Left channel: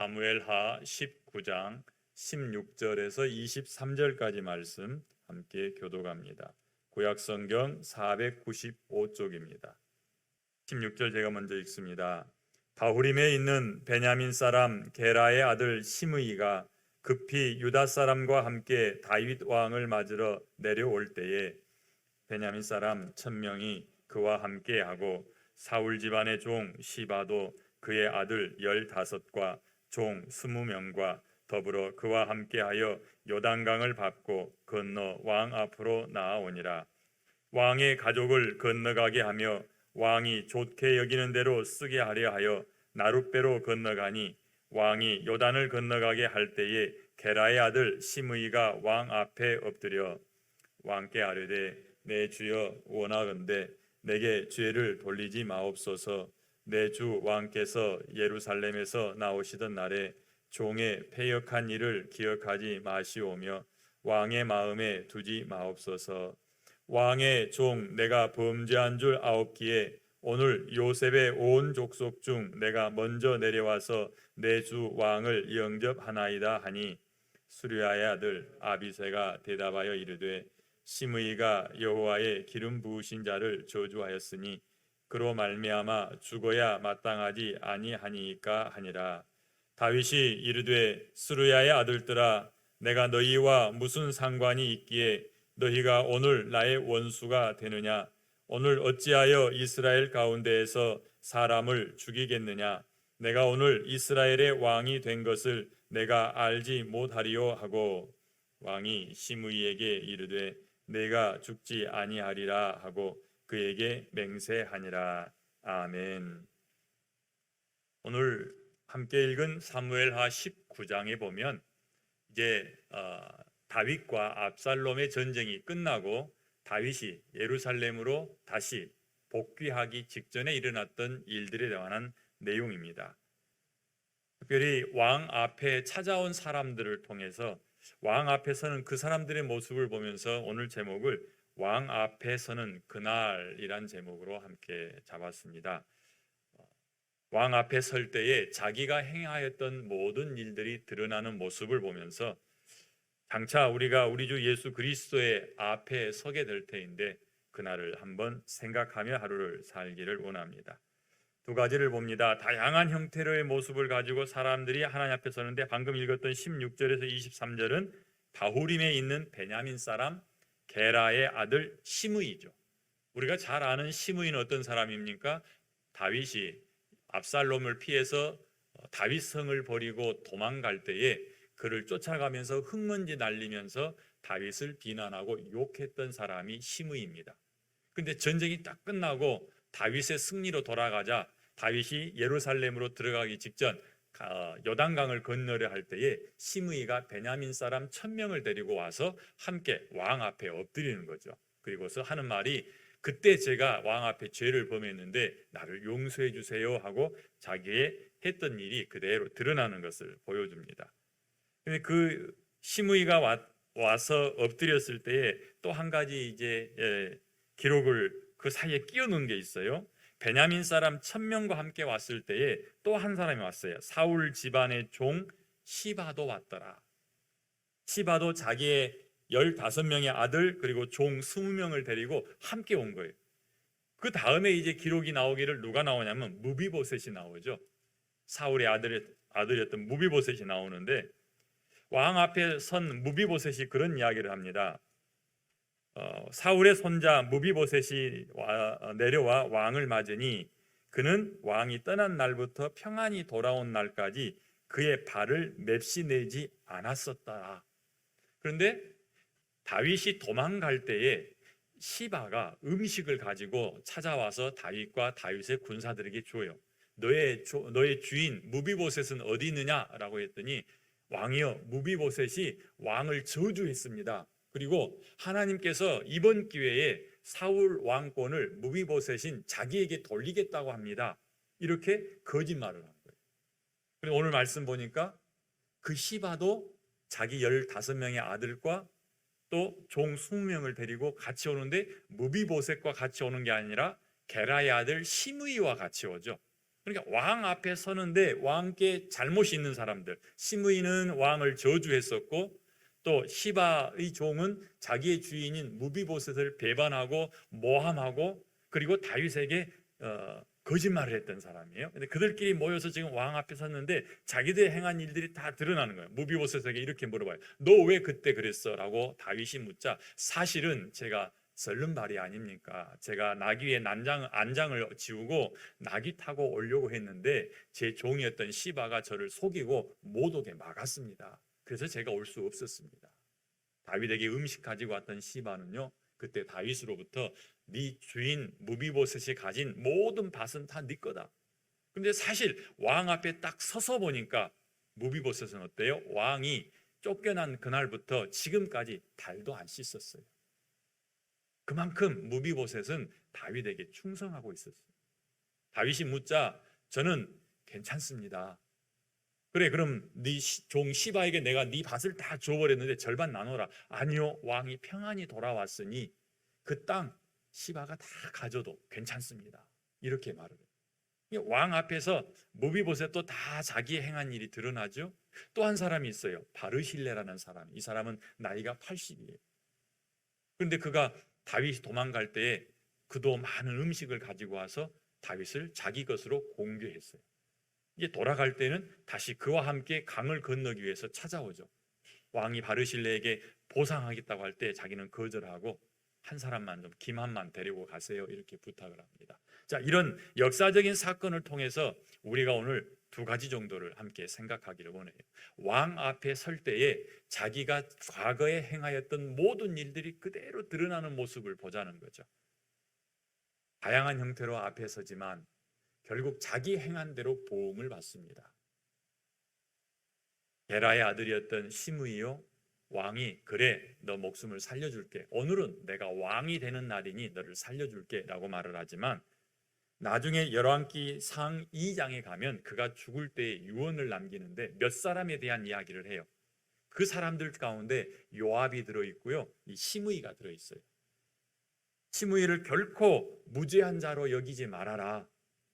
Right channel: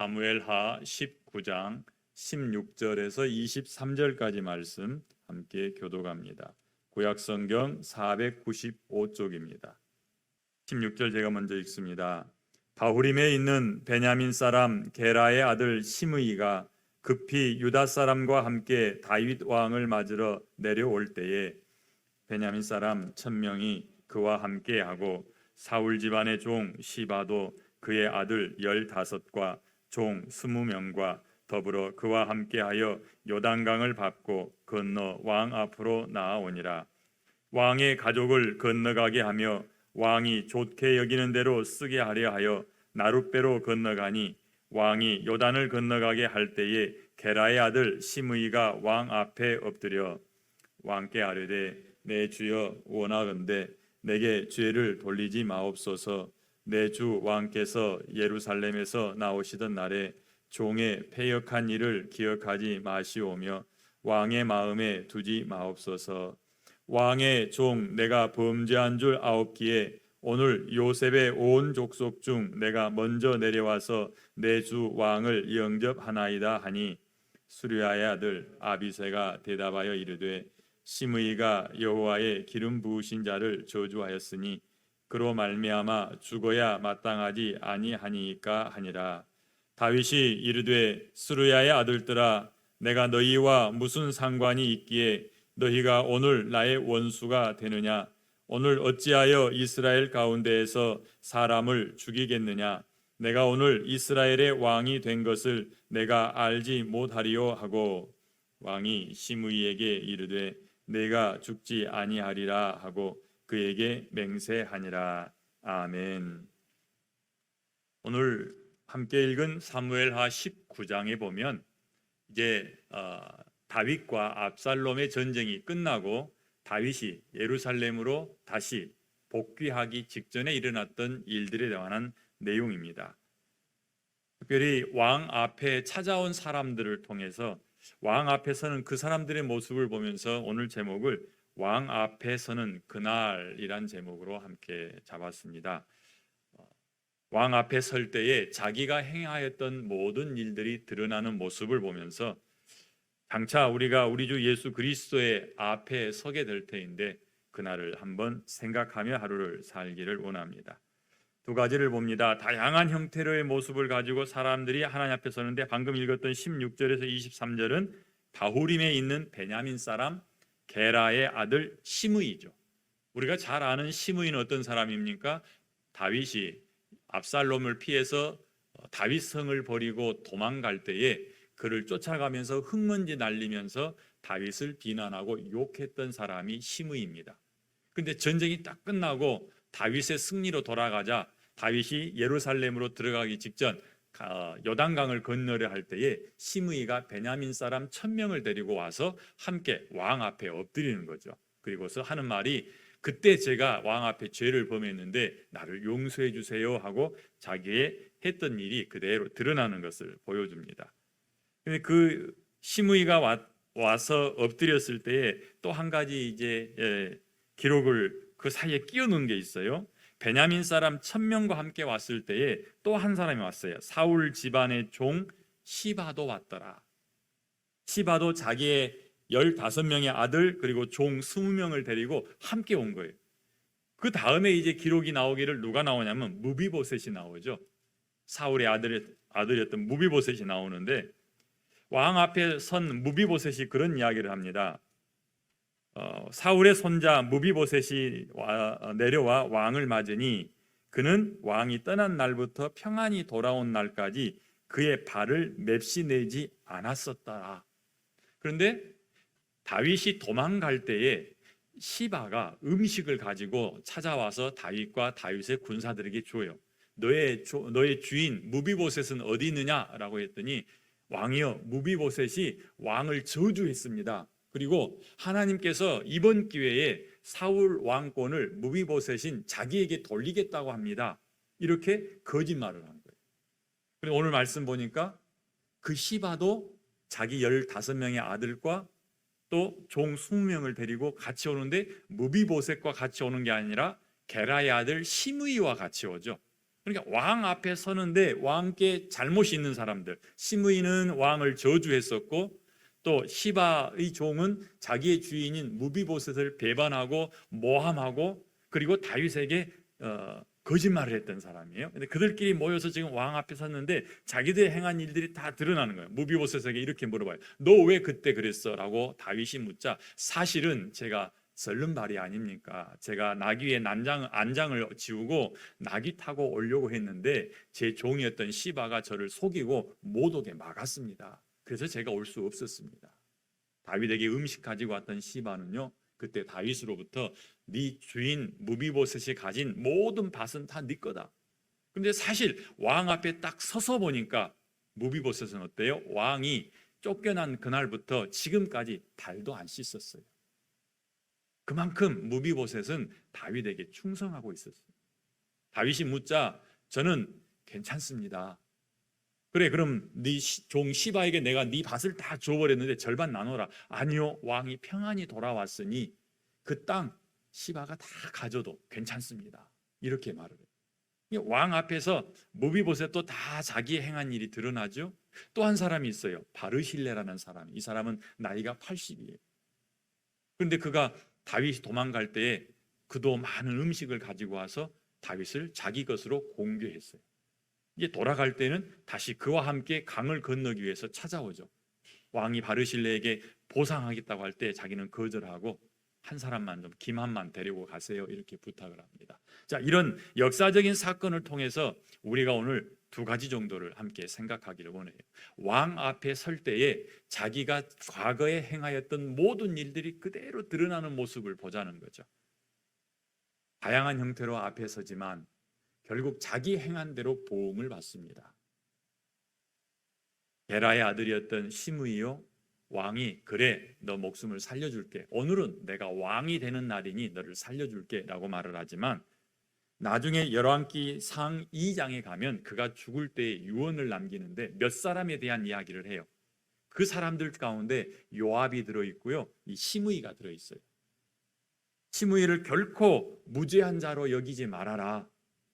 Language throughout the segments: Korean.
사무엘하 19장 16절에서 23절까지 말씀 함께 교독합니다. 구약성경 495쪽입니다. 16절 제가 먼저 읽습니다. 바후림에 있는 베냐민 사람 게라의 아들 시므이가 급히 유다 사람과 함께 다윗 왕을 맞으러 내려올 때에 베냐민 사람 1000명이 그와 함께하고 사울 집안의 종 시바도 그의 아들 15과 종 20명과 더불어 그와 함께하여 요단강을 밟고 건너 왕 앞으로 나아오니라. 왕의 가족을 건너가게 하며 왕이 좋게 여기는 대로 쓰게 하려 하여 나룻배로 건너가니 왕이 요단을 건너가게 할 때에 게라의 아들 시므이가 왕 앞에 엎드려 왕께 아뢰되 내 주여 원하건대 내게 죄를 돌리지 마옵소서. 내 주 왕께서 예루살렘에서 나오시던 날에 종의 패역한 일을 기억하지 마시오며 왕의 마음에 두지 마옵소서. 왕의 종 내가 범죄한 줄 아옵기에 오늘 요셉의 온 족속 중 내가 먼저 내려와서 내 주 왕을 영접하나이다 하니 수르야의 아들 아비새가 대답하여 이르되 시므이가 여호와의 기름 부으신 자를 저주하였으니 그로 말미암아 죽어야 마땅하지 아니하니까 하니라. 다윗이 이르되 수르야의 아들들아 내가 너희와 무슨 상관이 있기에 너희가 오늘 나의 원수가 되느냐? 오늘 어찌하여 이스라엘 가운데에서 사람을 죽이겠느냐? 내가 오늘 이스라엘의 왕이 된 것을 내가 알지 못하리요 하고 왕이 시므이에게 이르되 내가 죽지 아니하리라 하고 그에게 맹세하니라. 아멘. 오늘 함께 읽은 사무엘하 19장에 보면 이제 다윗과 압살롬의 전쟁이 끝나고 다윗이 예루살렘으로 다시 복귀하기 직전에 일어났던 일들에 관한 내용입니다. 특별히 왕 앞에 찾아온 사람들을 통해서 왕 앞에서는 그 사람들의 모습을 보면서 오늘 제목을 왕 앞에 서는 그날이란 제목으로 함께 잡았습니다. 왕 앞에 설 때에 자기가 행하였던 모든 일들이 드러나는 모습을 보면서 장차 우리가 우리 주 예수 그리스도의 앞에 서게 될 터인데 그날을 한번 생각하며 하루를 살기를 원합니다. 두 가지를 봅니다. 다양한 형태로의 모습을 가지고 사람들이 하나님 앞에 서는데 방금 읽었던 16절에서 23절은 바후림에 있는 베냐민 사람 게라의 아들 시므이죠. 우리가 잘 아는 시므이는 어떤 사람입니까? 다윗이 압살롬을 피해서 다윗성을 버리고 도망갈 때에 그를 쫓아가면서 흙먼지 날리면서 다윗을 비난하고 욕했던 사람이 시므이입니다. 그런데 전쟁이 딱 끝나고 다윗의 승리로 돌아가자 다윗이 예루살렘으로 들어가기 직전 요단강을 건너려 할 때에 시므이가 베냐민 사람 1000명을 데리고 와서 함께 왕 앞에 엎드리는 거죠. 그리고서 하는 말이 그때 제가 왕 앞에 죄를 범했는데 나를 용서해 주세요 하고 자기의 했던 일이 그대로 드러나는 것을 보여줍니다. 근데 그 시므이가 와서 엎드렸을 때에 또 한 가지 이제 기록을 그 사이에 끼워 넣은 게 있어요. 베냐민 사람 1000명과 함께 왔을 때에 또 한 사람이 왔어요. 사울 집안의 종 시바도 왔더라. 시바도 자기의 15명의 아들 그리고 종 20명을 데리고 함께 온 거예요. 그 다음에 이제 기록이 나오기를 누가 나오냐면 무비보셋이 나오죠. 사울의 아들이었던 무비보셋이 나오는데 왕 앞에 선 무비보셋이 그런 이야기를 합니다. 사울의 손자 무비보셋이 내려와 왕을 맞으니 그는 왕이 떠난 날부터 평안히 돌아온 날까지 그의 발을 맵시 내지 않았었더라. 그런데 다윗이 도망갈 때에 시바가 음식을 가지고 찾아와서 다윗과 다윗의 군사들에게 줘요. 너의 주인 무비보셋은 어디 있느냐라고 했더니 왕이여 무비보셋이 왕을 저주했습니다. 그리고 하나님께서 이번 기회에 사울 왕권을 무비보셋인 자기에게 돌리겠다고 합니다. 이렇게 거짓말을 한 거예요. 그리고 오늘 말씀 보니까 그 시바도 자기 15명의 아들과 또 종 20명을 데리고 같이 오는데 무비보셋과 같이 오는 게 아니라 게라의 아들 시므이와 같이 오죠. 그러니까 왕 앞에 서는데 왕께 잘못이 있는 사람들, 시므이는 왕을 저주했었고 또 시바의 종은 자기의 주인인 무비보셋을 배반하고 모함하고 그리고 다윗에게 거짓말을 했던 사람이에요. 근데 그들끼리 모여서 지금 왕 앞에 섰는데 자기들이 행한 일들이 다 드러나는 거예요. 무비보셋에게 이렇게 물어봐요. 너 왜 그때 그랬어? 라고 다윗이 묻자 사실은 제가 설른발이 아닙니까? 제가 나귀 위에 안장을 지우고 나귀 타고 오려고 했는데 제 종이었던 시바가 저를 속이고 못 오게 막았습니다. 그래서 제가 올 수 없었습니다. 다윗에게 음식 가지고 왔던 시바는요, 그때 다윗으로부터 네 주인 무비보셋이 가진 모든 밭은 다 네 거다. 근데 사실 왕 앞에 딱 서서 보니까 무비보셋은 어때요? 왕이 쫓겨난 그날부터 지금까지 발도 안 씻었어요. 그만큼 무비보셋은 다윗에게 충성하고 있었어요. 다윗이 묻자 저는 괜찮습니다. 그래 그럼 네 종 시바에게 내가 네 밭을 다 줘버렸는데 절반 나눠라. 아니요, 왕이 평안히 돌아왔으니 그 땅 시바가 다 가져도 괜찮습니다. 이렇게 말을 해요. 왕 앞에서 무비보셋도 다 자기의 행한 일이 드러나죠. 또 한 사람이 있어요. 바르실레라는 사람. 이 사람은 나이가 80이에요. 그런데 그가 다윗이 도망갈 때에 그도 많은 음식을 가지고 와서 다윗을 자기 것으로 공개했어요. 이제 돌아갈 때는 다시 그와 함께 강을 건너기 위해서 찾아오죠. 왕이 바르실레에게 보상하겠다고 할 때 자기는 거절하고 한 사람만 좀 김한만 데리고 가세요 이렇게 부탁을 합니다. 자, 이런 역사적인 사건을 통해서 우리가 오늘 두 가지 정도를 함께 생각하기를 원해요. 왕 앞에 설 때에 자기가 과거에 행하였던 모든 일들이 그대로 드러나는 모습을 보자는 거죠. 다양한 형태로 앞에 서지만 결국 자기 행한 대로 보응을 받습니다. 게라의 아들이었던 시므이요, 왕이 그래 너 목숨을 살려줄게, 오늘은 내가 왕이 되는 날이니 너를 살려줄게 라고 말을 하지만 나중에 열왕기 상 2장에 가면 그가 죽을 때 유언을 남기는데 몇 사람에 대한 이야기를 해요. 그 사람들 가운데 요압이 들어있고요, 이 시므이가 들어있어요. 시므이를 결코 무죄한 자로 여기지 말아라.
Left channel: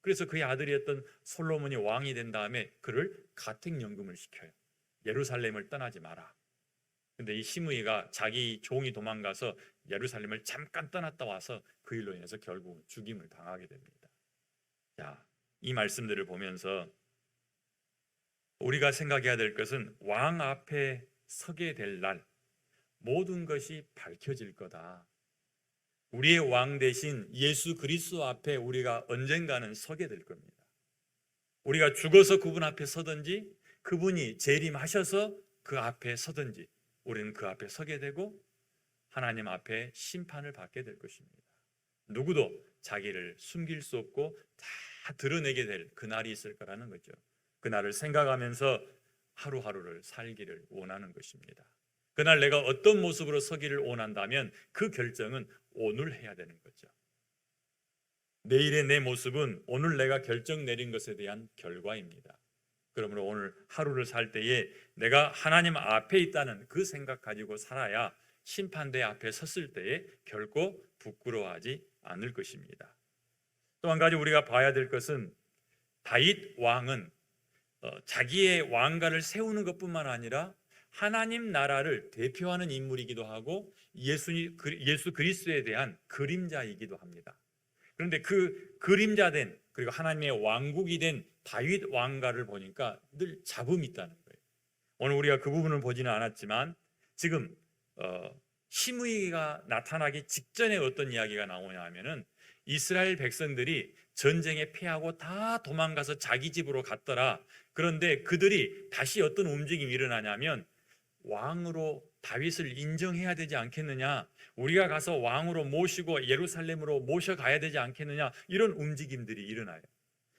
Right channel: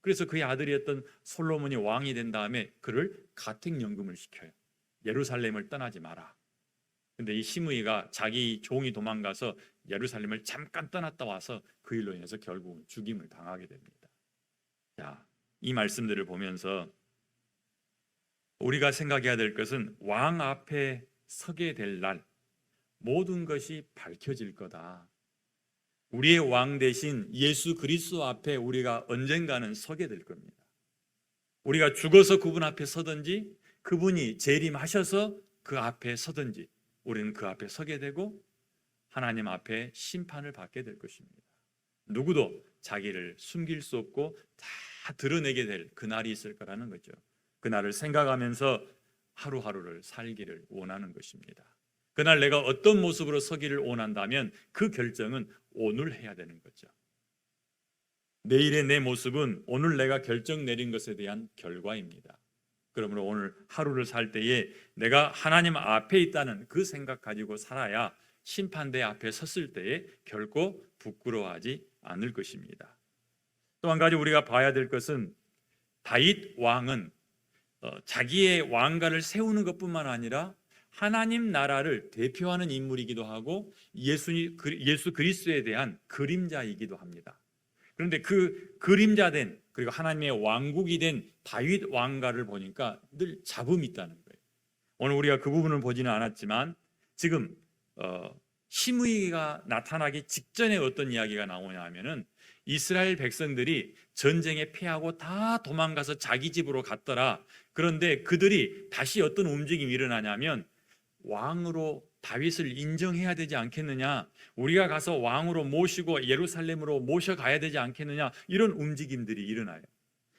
그래서 그의 아들이었던 솔로몬이 왕이 된 다음에 그를 가택연금을 시켜요. 예루살렘을 떠나지 마라. 근데 이 시므이가 자기 종이 도망가서 예루살렘을 잠깐 떠났다 와서 그 일로 인해서 결국 죽임을 당하게 됩니다. 자, 이 말씀들을 보면서 우리가 생각해야 될 것은 왕 앞에 서게 될 날 모든 것이 밝혀질 거다. 우리의 왕 대신 예수 그리스도 앞에 우리가 언젠가는 서게 될 겁니다. 우리가 죽어서 그분 앞에 서든지 그분이 재림하셔서 그 앞에 서든지 우리는 그 앞에 서게 되고 하나님 앞에 심판을 받게 될 것입니다. 누구도 자기를 숨길 수 없고 다 드러내게 될 그날이 있을 거라는 거죠. 그날을 생각하면서 하루하루를 살기를 원하는 것입니다. 그날 내가 어떤 모습으로 서기를 원한다면 그 결정은 오늘 해야 되는 거죠. 내일의 내 모습은 오늘 내가 결정 내린 것에 대한 결과입니다. 그러므로 오늘 하루를 살 때에 내가 하나님 앞에 있다는 그 생각 가지고 살아야 심판대 앞에 섰을 때에 결코 부끄러워하지 않을 것입니다. 또 한 가지 우리가 봐야 될 것은 다윗 왕은 자기의 왕가를 세우는 것뿐만 아니라 하나님 나라를 대표하는 인물이기도 하고 예수 그리스도에 대한 그림자이기도 합니다. 그런데 그 그림자된 그리고 하나님의 왕국이 된 다윗 왕가를 보니까 늘 잡음이 있다는 거예요. 오늘 우리가 그 부분을 보지는 않았지만 지금 시므이가 나타나기 직전에 어떤 이야기가 나오냐 하면은 이스라엘 백성들이 전쟁에 패하고 다 도망가서 자기 집으로 갔더라. 그런데 그들이 다시 어떤 움직임이 일어나냐면 왕으로 다윗을 인정해야 되지 않겠느냐, 우리가 가서 왕으로 모시고 예루살렘으로 모셔가야 되지 않겠느냐, 이런 움직임들이 일어나요.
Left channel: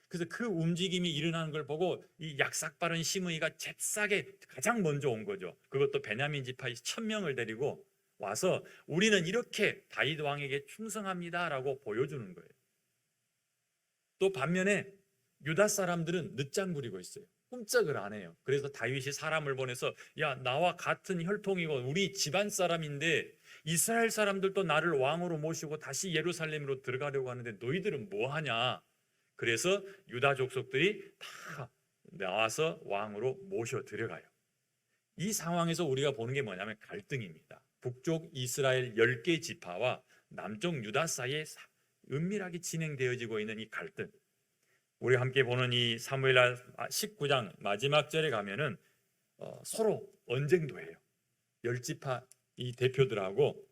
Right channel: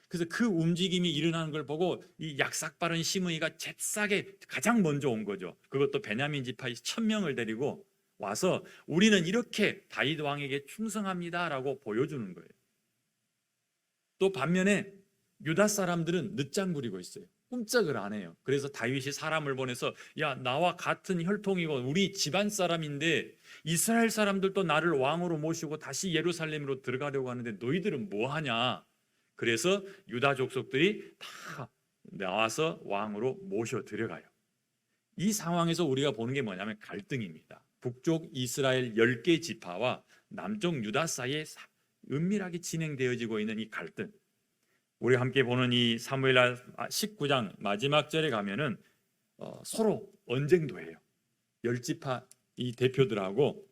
그래서 그 움직임이 일어나는 걸 보고 이 약삭빠른 시므이가 잽싸게 가장 먼저 온 거죠. 그것도 베냐민 지파 1000명을 데리고 와서 우리는 이렇게 다윗 왕에게 충성합니다라고 보여주는 거예요. 또 반면에 유다 사람들은 늦장 부리고 있어요. 꼼짝을 안 해요. 그래서 다윗이 사람을 보내서 야, 나와 같은 혈통이고 우리 집안 사람인데 이스라엘 사람들도 나를 왕으로 모시고 다시 예루살렘으로 들어가려고 하는데 너희들은 뭐 하냐? 그래서 유다 족속들이 다 나와서 왕으로 모셔 들어가요. 이 상황에서 우리가 보는 게 뭐냐면 갈등입니다. 북쪽 이스라엘 10개 지파와 남쪽 유다 사이에 은밀하게 진행되어지고 있는 이 갈등. 우리 함께 보는 이 사무엘하 19장 마지막 절에 가면은 서로 언쟁도 해요. 10지파 이 대표들하고.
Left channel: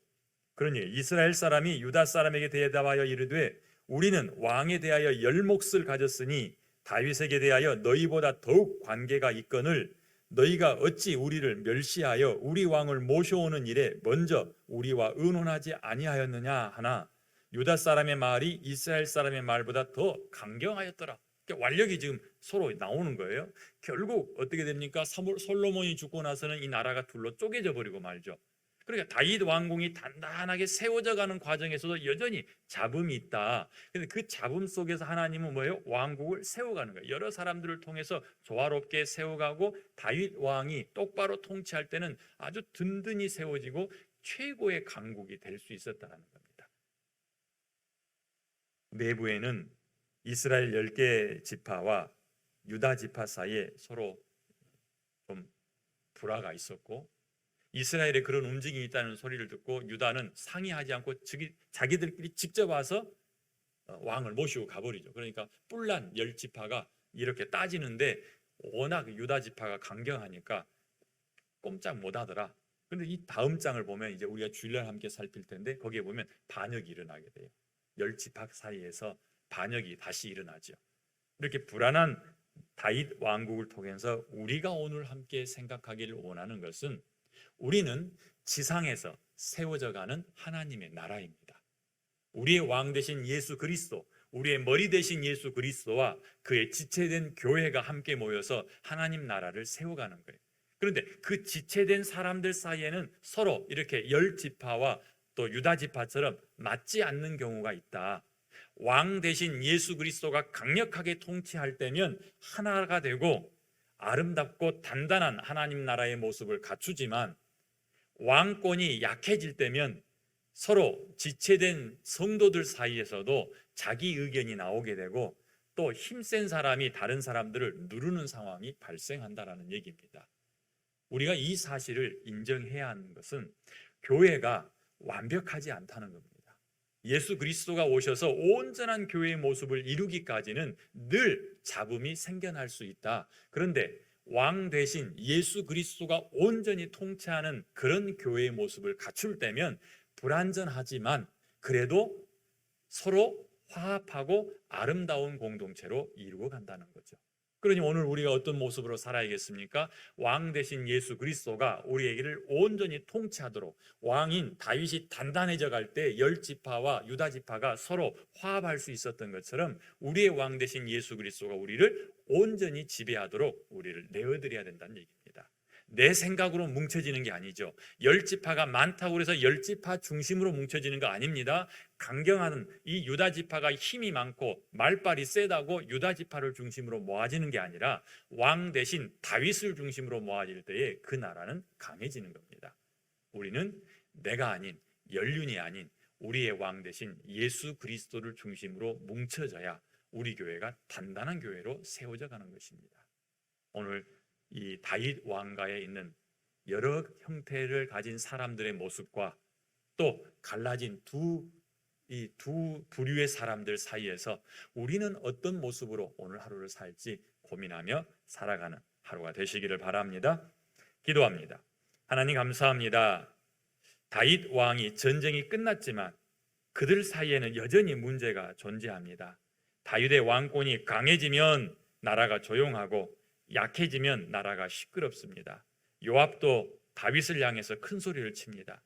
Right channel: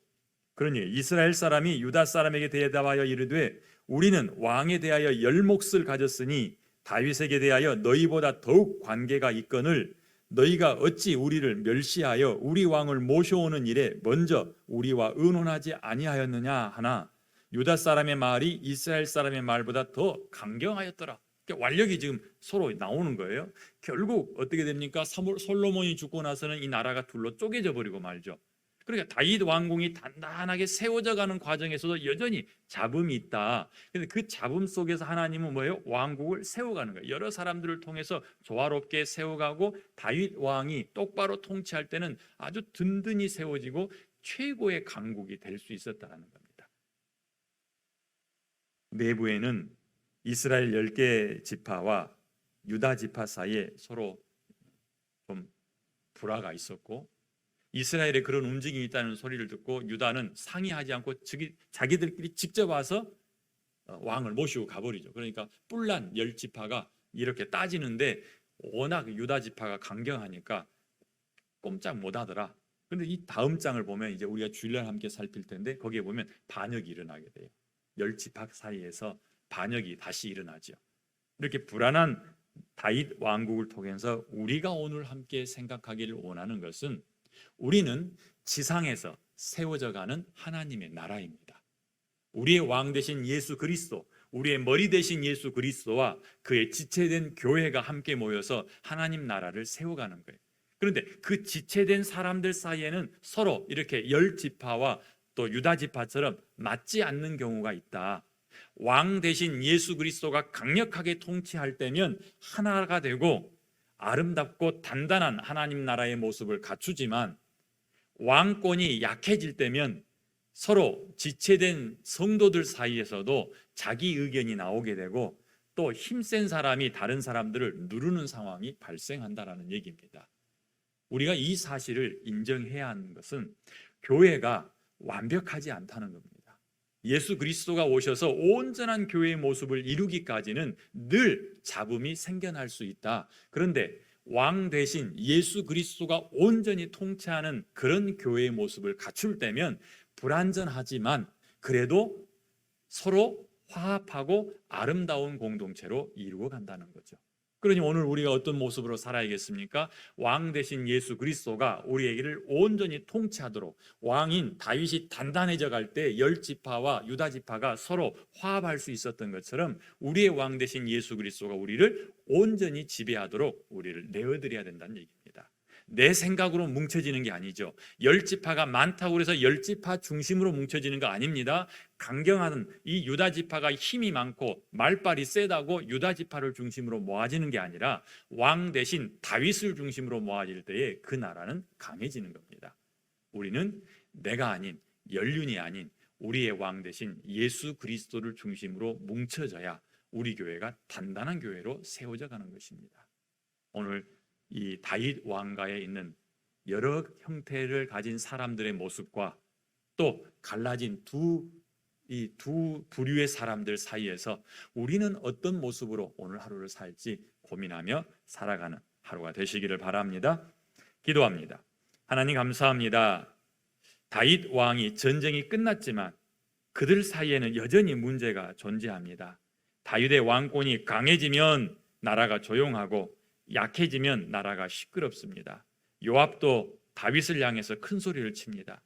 그러니 이스라엘 사람이 유다 사람에게 대답하여 이르되 우리는 왕에 대하여 열몫을 가졌으니 다윗에게 대하여 너희보다 더욱 관계가 있거늘 너희가 어찌 우리를 멸시하여 우리 왕을 모셔오는 일에 먼저 우리와 의논하지 아니하였느냐 하나 유다 사람의 말이 이스라엘 사람의 말보다 더 강경하였더라. 완력이 지금 서로 나오는 거예요. 결국 어떻게 됩니까? 솔로몬이 죽고 나서는 이 나라가 둘로 쪼개져 버리고 말죠. 그러니까 다윗 왕궁이 단단하게 세워져 가는 과정에서도 여전히 잡음이 있다. 그런데 그 잡음 속에서 하나님은 뭐예요? 왕국을 세워가는 거예요. 여러 사람들을 통해서 조화롭게 세워가고 다윗 왕이 똑바로 통치할 때는 아주 든든히 세워지고 최고의 강국이 될 수 있었다는 겁니다. 내부에는 이스라엘 10개 지파와 유다 지파 사이에 서로 좀 불화가 있었고 이스라엘에 그런 움직임이 있다는 소리를 듣고 유다는 상의하지 않고 자기들끼리 직접 와서 왕을 모시고 가버리죠. 그러니까 뿔난 10지파가 이렇게 따지는데 워낙 유다 지파가 강경하니까 꼼짝 못하더라. 그런데 이 다음 장을 보면 이제 우리가 주일날 함께 살필 텐데 거기에 보면 반역이 일어나게 돼요. 10지파 사이에서 반역이 다시 일어나죠. 이렇게 불안한 다윗 왕국을 통해서 우리가 오늘 함께 생각하기를 원하는 것은 우리는 지상에서 세워져 가는 하나님의 나라입니다. 우리의 왕 되신 예수 그리스도, 우리의 머리 되신 예수 그리스도와 그의 지체된 교회가 함께 모여서 하나님 나라를 세워가는 거예요. 그런데 그 지체된 사람들 사이에는 서로 이렇게 10지파와 또 유다 지파처럼 맞지 않는 경우가 있다. 왕 대신 예수 그리스도가 강력하게 통치할 때면 하나가 되고 아름답고 단단한 하나님 나라의 모습을 갖추지만 왕권이 약해질 때면 서로 지체된 성도들 사이에서도 자기 의견이 나오게 되고 또 힘센 사람이 다른 사람들을 누르는 상황이 발생한다라는 얘기입니다. 우리가 이 사실을 인정해야 하는 것은 교회가 완벽하지 않다는 겁니다. 예수 그리스도가 오셔서 온전한 교회의 모습을 이루기까지는 늘 잡음이 생겨날 수 있다. 그런데 왕 대신 예수 그리스도가 온전히 통치하는 그런 교회의 모습을 갖출 때면 불완전하지만 그래도 서로 화합하고 아름다운 공동체로 이루어 간다는 거죠. 그러니 오늘 우리가 어떤 모습으로 살아야겠습니까? 왕 대신 예수 그리스도가 우리에게를 온전히 통치하도록 왕인 다윗이 단단해져 갈 때 10지파와 유다 지파가 서로 화합할 수 있었던 것처럼 우리의 왕 대신 예수 그리스도가 우리를 온전히 지배하도록 우리를 내어드려야 된다는 얘기입니다. 내 생각으로 뭉쳐지는 게 아니죠. 10지파가 많다고 해서 10지파 중심으로 뭉쳐지는 거 아닙니다. 강경한 이 유다 지파가 힘이 많고 말빨이 세다고 유다 지파를 중심으로 모아지는 게 아니라 왕 대신 다윗을 중심으로 모아질 때에 그 나라는 강해지는 겁니다. 우리는 내가 아닌 연륜이 아닌 우리의 왕 대신 예수 그리스도를 중심으로 뭉쳐져야 우리 교회가 단단한 교회로 세워져 가는 것입니다. 오늘 이 다윗 왕가에 있는 여러 형태를 가진 사람들의 모습과 또 갈라진 두 부류의 사람들 사이에서 우리는 어떤 모습으로 오늘 하루를 살지 고민하며 살아가는 하루가 되시기를 바랍니다. 기도합니다. 하나님 감사합니다. 다윗 왕이 전쟁이 끝났지만 그들 사이에는 여전히 문제가 존재합니다. 다윗의 왕권이 강해지면 나라가 조용하고 약해지면 나라가 시끄럽습니다. 요압도 다윗을 향해서 큰 소리를 칩니다.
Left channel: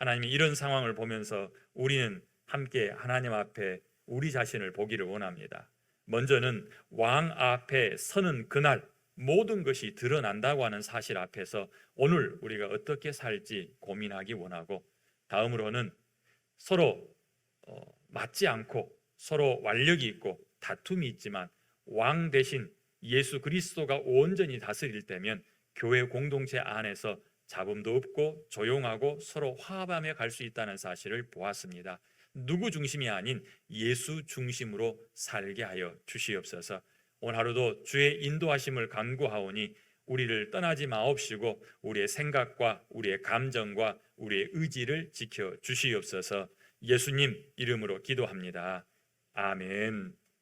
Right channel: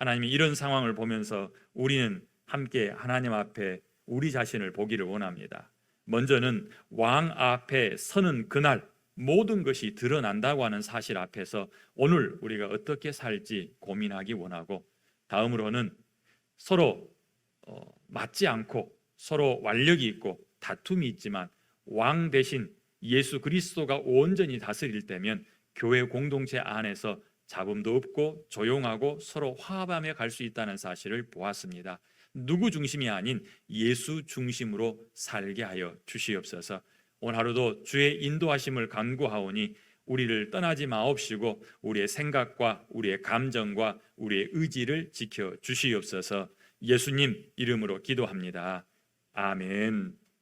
하나님이 이런 상황을 보면서 우리는 함께 하나님 앞에 우리 자신을 보기를 원합니다. 먼저는 왕 앞에 서는 그날 모든 것이 드러난다고 하는 사실 앞에서 오늘 우리가 어떻게 살지 고민하기 원하고, 다음으로는 서로 맞지 않고 서로 완력이 있고 다툼이 있지만 왕 대신 예수 그리스도가 온전히 다스릴 때면 교회 공동체 안에서 잡음도 없고 조용하고 서로 화합하며 갈 수 있다는 사실을 보았습니다. 누구 중심이 아닌 예수 중심으로 살게 하여 주시옵소서. 오늘 하루도 주의 인도하심을 간구하오니 우리를 떠나지 마옵시고 우리의 생각과 우리의 감정과 우리의 의지를 지켜 주시옵소서. 예수님 이름으로 기도합니다. 아멘.